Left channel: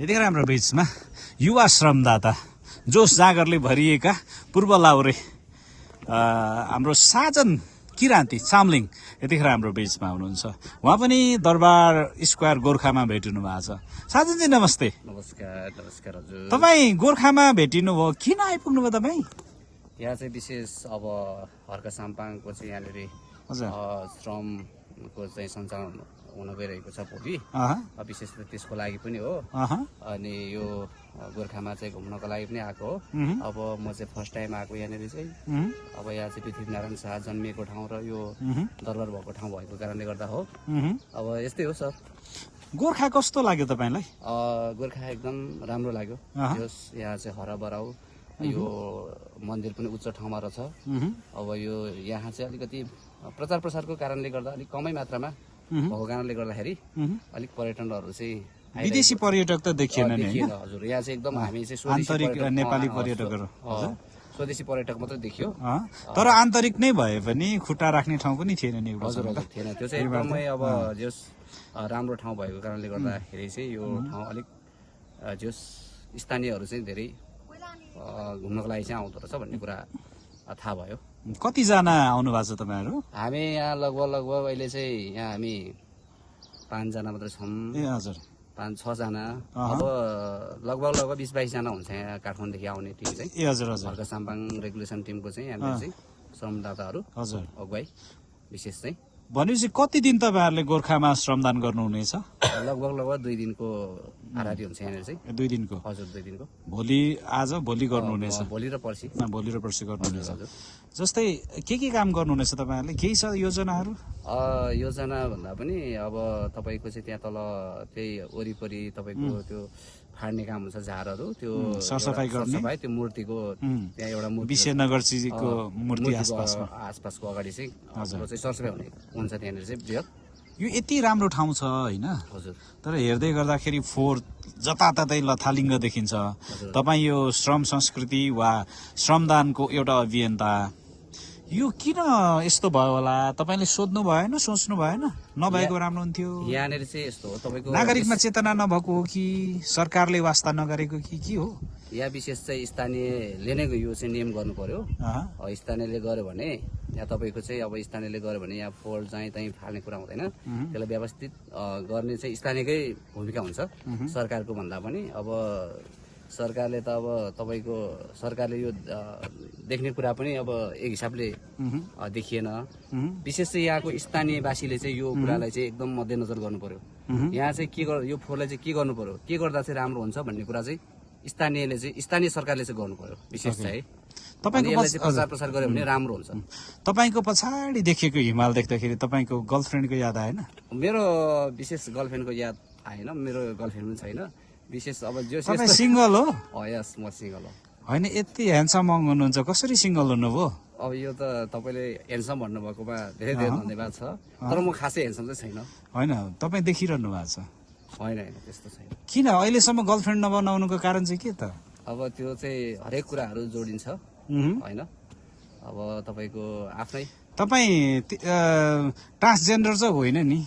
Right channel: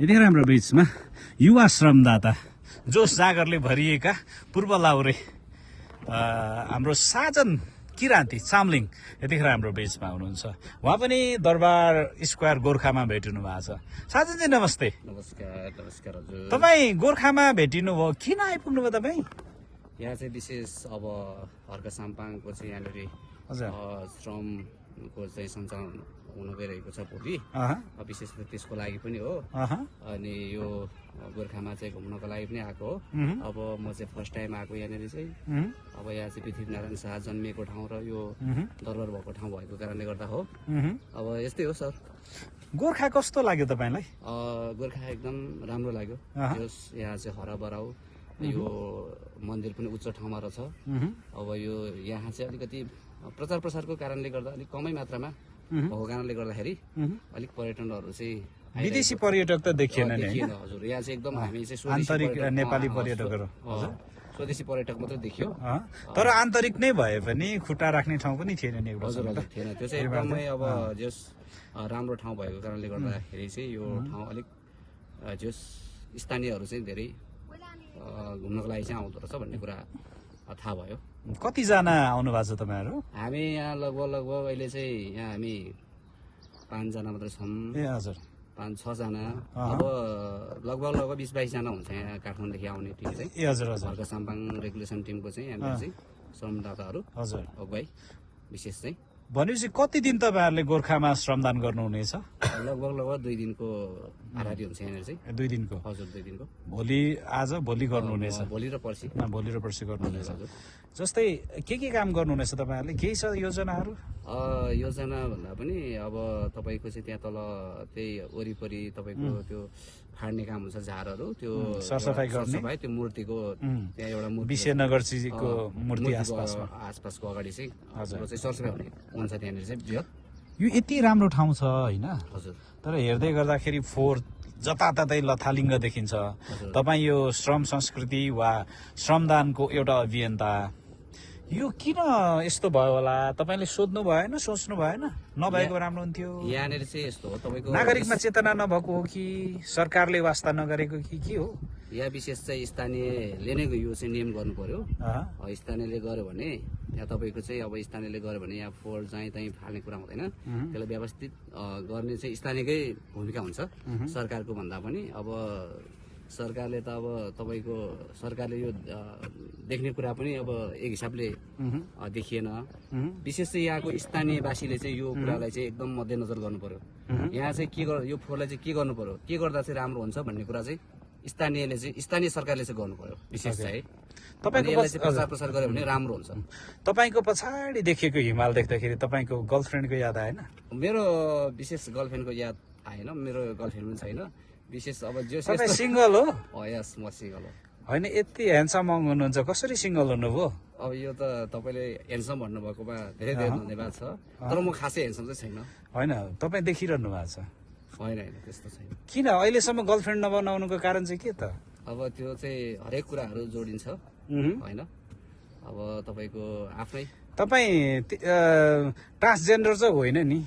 यतिखेर हाम्रो बीचमा युवा श्रमदाता जोश जागरले भरिएका पूर्व लाउरे हाम्रो साजन किरान्ती चामलिङ यतिखेर हाम्रो बीचमा हुनुहुन्छ। उहाँ पनि दरबार स्क्वायर गोर्खामा भेटिनु भएको छ। साजनजी नमस्ते। नमस्कार नमस्कार हजुर। तपाईँ गोर्खामा भेटिनु भयो, किन आइपुग्नु भयो तपाईँ? यहाँ चाहिँ विशेष अब हर्क साम्पाङको चाहिँ यहाँनिर श्रमको चाहिँ सञ्चालन हुन गइरहेको छ भोलि। विशेष त त्यसको लागि पनि हो। अनि यो गोर्खामा चाहिँ घुम्नको लागि पनि आएको हो। अब म चाहिँ फर्स्ट टाइम आएको यहाँनिर चाहिँ। अब यहाँ चाहिँ पृथ्वीनारायण शाह जन्मिएको ठाउँ र यो दरबार भएको ठाउँ भएको कारणले गर्दा हो। अब यस्तै हो सर। गोर्खा कस्तो लाग्यो तपाईँलाई? गोर्खा एकदम राम्रो लाग्यो। यहाँ चाहिँ हराबराउ, यो मन्दिर पनि उच्च ठाउँमा रहेछ। अब यो यहाँ चाहिँ अलिकति प्रचार प्रसारको कारणले गर्दा अलिक कमै मात्रामा भएको कारणले गर्दाखेरि अलिक पर्यटनहरू चाहिँ विदेशी पर्यटक त देखिएन हजुर। यहाँ चाहिँ एकदम हामी चाहिँ नेपाली पर्यटकहरू स्वदेशी पर्यटक मात्रै देखियो। तर आन्तरिक नै भए पनि खुट्टा राख्ने ठाउँ पनि थिएन नि। हजुर हजुर थिएन। त्यो चाहिँ एकदमै अब जस राम्रो ठाउँ भएको कारणले गर्दाखेरि चाहिँ यो ठाउँ अलिक जस स्थानीयहरू चाहिँ धेरै घुम्नको लागि चाहिँ आउँदो रहेछ भन्ने कुरा थाहा भयो। कतिजना आउनु भएको छ तपाईँहरू? हामी यहाँ लगभग अहिले चाहिँ यहाँ हामी 5 जना मात्रै छौँ। ए हजुर, 5-6 जना। अब लगभग 20-22 जना हुन्छ यहाँ काठमाडौँदेखि आउने टिम चाहिँ। ए हजुर हजुर। हर्क साम्पाङ रेगुलेसन टिमको चाहिँ यहाँनिर चाहिँ श्रमदाताहरू हजुर अगुवाई विशेष चाहिँ। भनेपछि कति दिन तपाईँहरूले गोर्खामा श्रमदान गर्नुहुनेछ? लगभग 2 दिनको हाराहारी हुन्छ यहाँनिर चाहिँ। 2 दिनको? हजुर 2 दिनको। भोलि गर्नुहुनेछ? भोलि र पर्सि। भोलि र पर्सि गर्नुहुनेछ। हजुर। जस्तै के काम गर्नुहुनेछ तपाईँहरूले? केही छ योजनाहरू? योजना भन्दा पनि अब तपाईँको चाहिँ त्यहाँ तल त्यही वरिपरि तपाईँको त्यो फाड्ने काम हुन्छ, झारहरू त्यो सरसफाइ त्यो मूर्तिको त्यहाँ एउटा विश्वनगरजीको मूर्ति आसपासको अगाडि चाहिँ चाहिँ सरसफाइ हुन्छ त्यहाँनिर चाहिँ बृहत। यो यति राम्रो ठाउँ छ होइन? हजुर। तर हेर्दै गर्दाखेरि फोहोर जताततै लथालिङ्ग देखिन्छ। तपाईँ यो श्रम संस्कृति वा श्रमदानको एउटा अभियन्ता, यो किन यस्तो भयो होला? तपाईँले सोध्नु भएन, सोच्नु भएन? नभएको राम्रो हुन्थ्यो। यहाँनिर चाहिँ यस्तो हो, तपाईँको नागरिकमा चेतना नभएको हो कि सरकारले वास्ता नगरेको कि के हो? यहाँ विशेष चाहिँ स्थानीयले नै यो चाहिँ नियम गर्नु पर्यो। स्थानीयले गर्यो भने यहाँ तपाईँको चाहिँ अब स्थानीयले गर्यो भने यहाँ फोहोर चाहिँ त्यहीँ फाल्ने कुरा हुँदैन। त्यसलाई व्यवस्थित गर्ने चाहिँ स्थानीयकै भूमिका हुन्छ सरकारको भन्दा पनि। अब सरकारले त अब तपाईँको सरकारले यो देख्ने कुरा पनि अब एक हिसाबले देखिएन। विशेष चाहिँ यहाँको स्थानीयवासीले चाहिँ यो कुरालाई चाहिँ एकदम मध्यनजर गर्नु पर्यो। यहाँ चाहिँ के यो फोहोरलाई चाहिँ के गर्नु पर्यो, के गर्दा चाहिँ राम्रो हुन्छ भन्ने कुरा चाहिँ स्थानीय सरकारले चाहिँ गर्नु पर्यो विशेष चाहिँ। यसलाई चाहिँ प्रचार प्रसार गर्यो भने राम्रो हुन्छ। तपाईँको पछाडि देखेको हिमाल देख्दाखेरि तपाईँको गर्लफ्रेन्डको याद आएन? मेरो विशेष गर्लफ्रेन्डको याद आएन। मेरो गर्लफ्रेन्ड पनि छैन विशेष। अब जो सिङ्गल हो? यस, म सिङ्गल हो। होइन, यति ह्यान्डसम हुनुहुन्छ, कसरी सिङ्गल हुनुभयो? अब यो त तपाईँले ह्यान्डसम भन्नुभएकोमा धेरै धेरै धन्यवाद छ। तर म खासै ह्यान्डसम चाहिँ छैन। होइन, तपाईँ देखिरहनु भएको छ? होइन त्यस्तो छैन। किन अहिलेसम्म गर्लफ्रेन्ड नबनाउनुको कारण चाहिँ के त? अब त्यो चाहिँ हरेक कुराहरू जोडिन्छ होइन। अब तपाईँको आफ्नै। तपाईँ ट्रान्सजेन्डर चाहिँ होइन नि?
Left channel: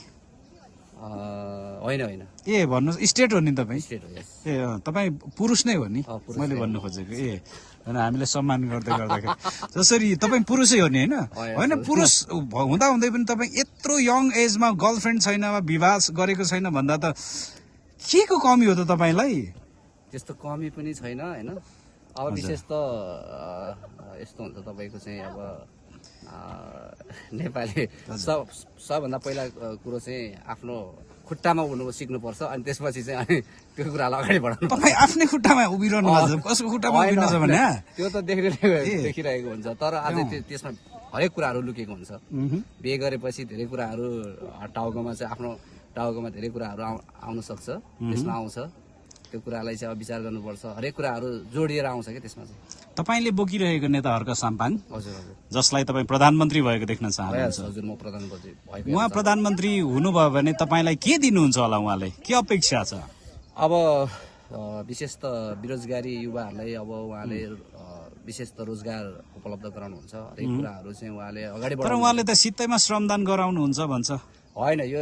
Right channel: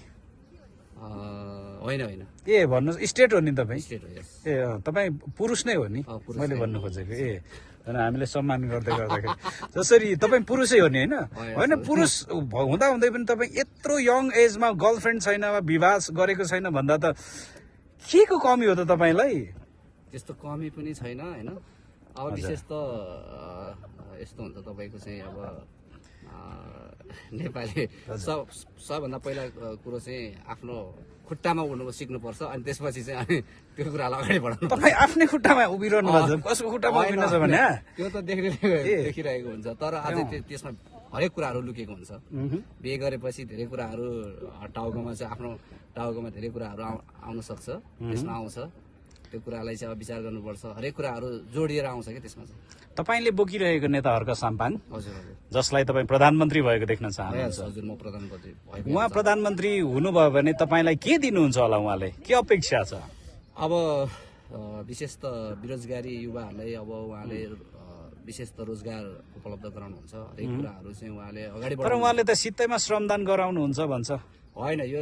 होइन। ए भन्नुहोस्, स्टेट हो नि तपाईँ? स्टेट हो। ए तपाईँ पुरुष नै हो नि मैले भन्नु खोजेको? ए हामीले सम्मान गर्दै गर्दाखेरि जसरी तपाईँ पुरुषै हो नि होइन? होइन, पुरुष हुँदा हुँदै पनि तपाईँ यत्रो यङ एजमा गर्लफ्रेन्ड छैन, विवाह गरेको छैन भन्दा त के को कमी हो त तपाईँलाई? त्यस्तो कमी पनि छैन होइन। अब विशेष त यस्तो हुन्छ तपाईँको चाहिँ अब नेपाली सबभन्दा पहिला कुरो चाहिँ आफ्नो खुट्टामा उड्नु सिक्नुपर्छ। अनि त्यसपछि चाहिँ अनि त्यो कुरालाई अगाडि बढाउनु। तपाईँ आफ्नै खुट्टामा उभिरहनु भएको छ? कसको खुट्टामा उभिनुहुन्छ भने? त्यो त देखिरहेको हुन्छ। तर अझै त्यसमा हरेक कुराहरू लुकेको हुन्छ। बिहे गरेपछि धेरै कुराहरू टाउकोमा चाहिँ आफ्नो टाउकोमा धेरै कुराहरू आउन सक्छ, त्यसमा आउँछ। त्यो कुरालाई चाहिँ अब विचार गर्नुपर्छ। हरेक कुराहरू जोडिएर आउँछ क्या त्यसमा चाहिँ। तपाईँले बोकिरहेको नेता हर्क साम्पाङ, हजुर, जसलाई तपाईँ प्रधानमन्त्री भएको देख्न चाहनुहुन्छ? हजुर, म प्रधानमन्त्री भएको। उहाँ प्रधानमन्त्री हुनुभयो भने तपाईँलाई के दिनुहुन्छ होला? उहाँले के अपेक्षा छ? अब विशेष त बेरोजगारी युवाहरूलाई अब उहाँले विशेष त रोजगार उपलब्ध गराउनुहुन्छ। हरेक कुराहरू चाहिँ उहाँले अगाडि बढाउनु। तर उहाँले त सित्तैमा श्रमदान गराउनुहुन्छ भन्छ। होइन यो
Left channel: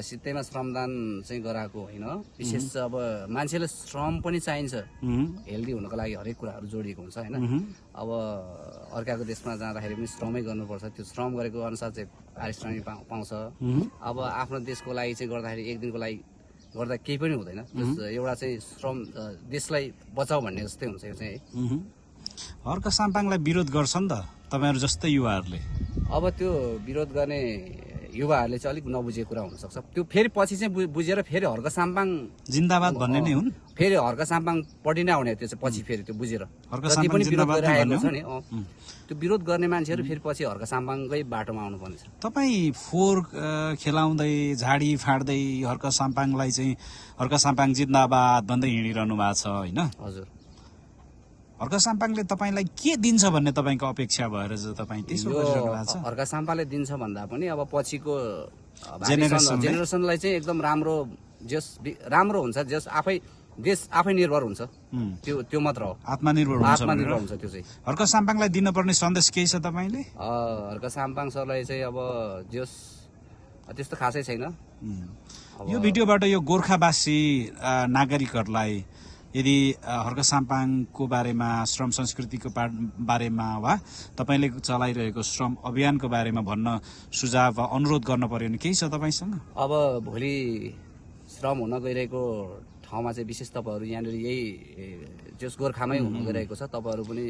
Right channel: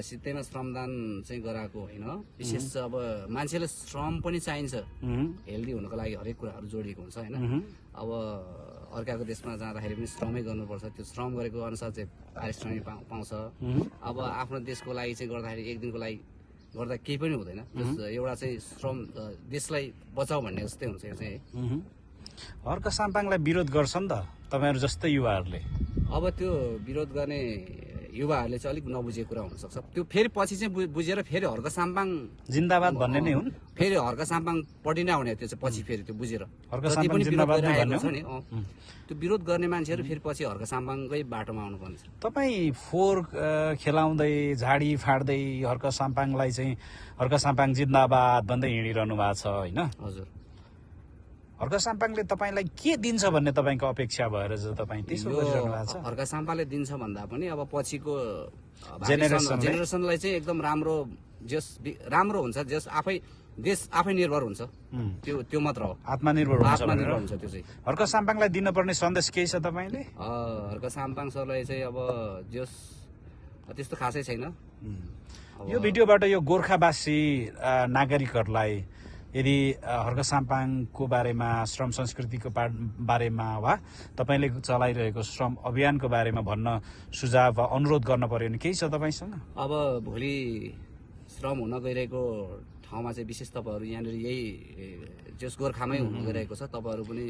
सित्तैमा श्रमदान चाहिँ गराएको होइन, विशेष अब मान्छेले श्रम पनि चाहिन्छ, हेल्दी हुनको लागि हरेक कुराहरू जोडिएको हुन्छ होइन। अब अर्काको देशमा जाँदाखेरि पनि श्रमै गर्नुपर्छ, त्यो श्रम गरेको अनुसार चाहिँ पारिश्रमिक पाउँछ। अब आफ्नो देशको लागि चाहिँ गर्दाखेरि एक दिनको लागि गर्दा केही पनि हुँदैन, एउटा चाहिँ श्रम देशलाई बचाऊ भन्ने जस्तै हुन्छ यो चाहिँ है। हर्क साम्पाङलाई विरोध गर्छ नि त तपाईँहरू जस्तै युवाहरूले। अब त्यो विरोध गर्ने युवाहरूले चाहिँ अलिक नबुझेको कुरा हुनसक्छ, त्यो फेरि पछि चाहिँ बुझेर फेरि हर्क साम्पाङ जिन्दाबाद भन्ने नै हुन्, फेरि हर्क साम्पाङ पढि नै आउने त्यो चाहिँ पछि फेरि त्यो बुझेर हर्क जति साम्पाङ पनि विरोध जिन्दाबाद गरिरहेको छ नि त्यो विरोध गर्ने मान्छेहरू फेरि पछि हर्क साम्पाङकै बाटोमा आउनुपर्ने छ। तपाईँ फोहोर खेलाउँदै झाडी फाड्दै हर्क साम्पाङलाई चाहिँ हर्क साम्पाङ जिन्दाबाद भन्दै हिँडिरहनु भएको छ होइन। हजुर, हर्क साम्पाङले तपाईँलाई के दिन्छ भन्ने तपाईँको अपेक्षा भएर चाहिँ तपाईँ त्यसो गरिरहनु भएको छ। हर्क साम्पाले दिन्छ भन्दा पनि अब पछिको जेनेरेसनलाई चाहिँ एकदम राम्रो हुन्छ, जस देश आफै निर्भर हुन्छ, त्यो मात्र हो, आत्मनिर्भर हुन्छ त्यो चाहिँ। हर्क साम्पाङलाई दिनुपर्ने सन्देश केही छ तपाईँले? हर्क साम्पाङ सरलाई चाहिँ अब जस त्यस्तो खासै छैन। यो भिडियोबाट यो गोर्खावासी नागरिकहरूलाई यदि हर्क साम्पाङको बारेमा, श्रम संस्कृतिको बारेमा वा तपाईँले चलाइरहेको श्रम अभियानको बारेमा भन्न सुझाव वा अनुरोध गर्न पर्यो भने केही छ तपाईँसँग? अब भोलि श्रम हुन गइरहेको ठाउँमा चाहिँ विशेष तपाईँहरू यहाँनिर यही जस गोर्खामै हुन गइरहेको छ, तपाईँहरू पनि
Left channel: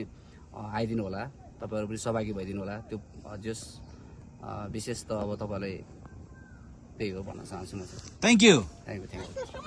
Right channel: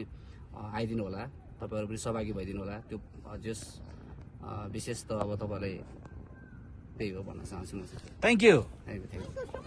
आइदिनु होला, तपाईँहरू पनि सहभागी भइदिनु होला। त्यो जस विशेष त अब तपाईँलाई त्यही हो भन्न चाहन्छु म चाहिँ। Thank you. Thank you.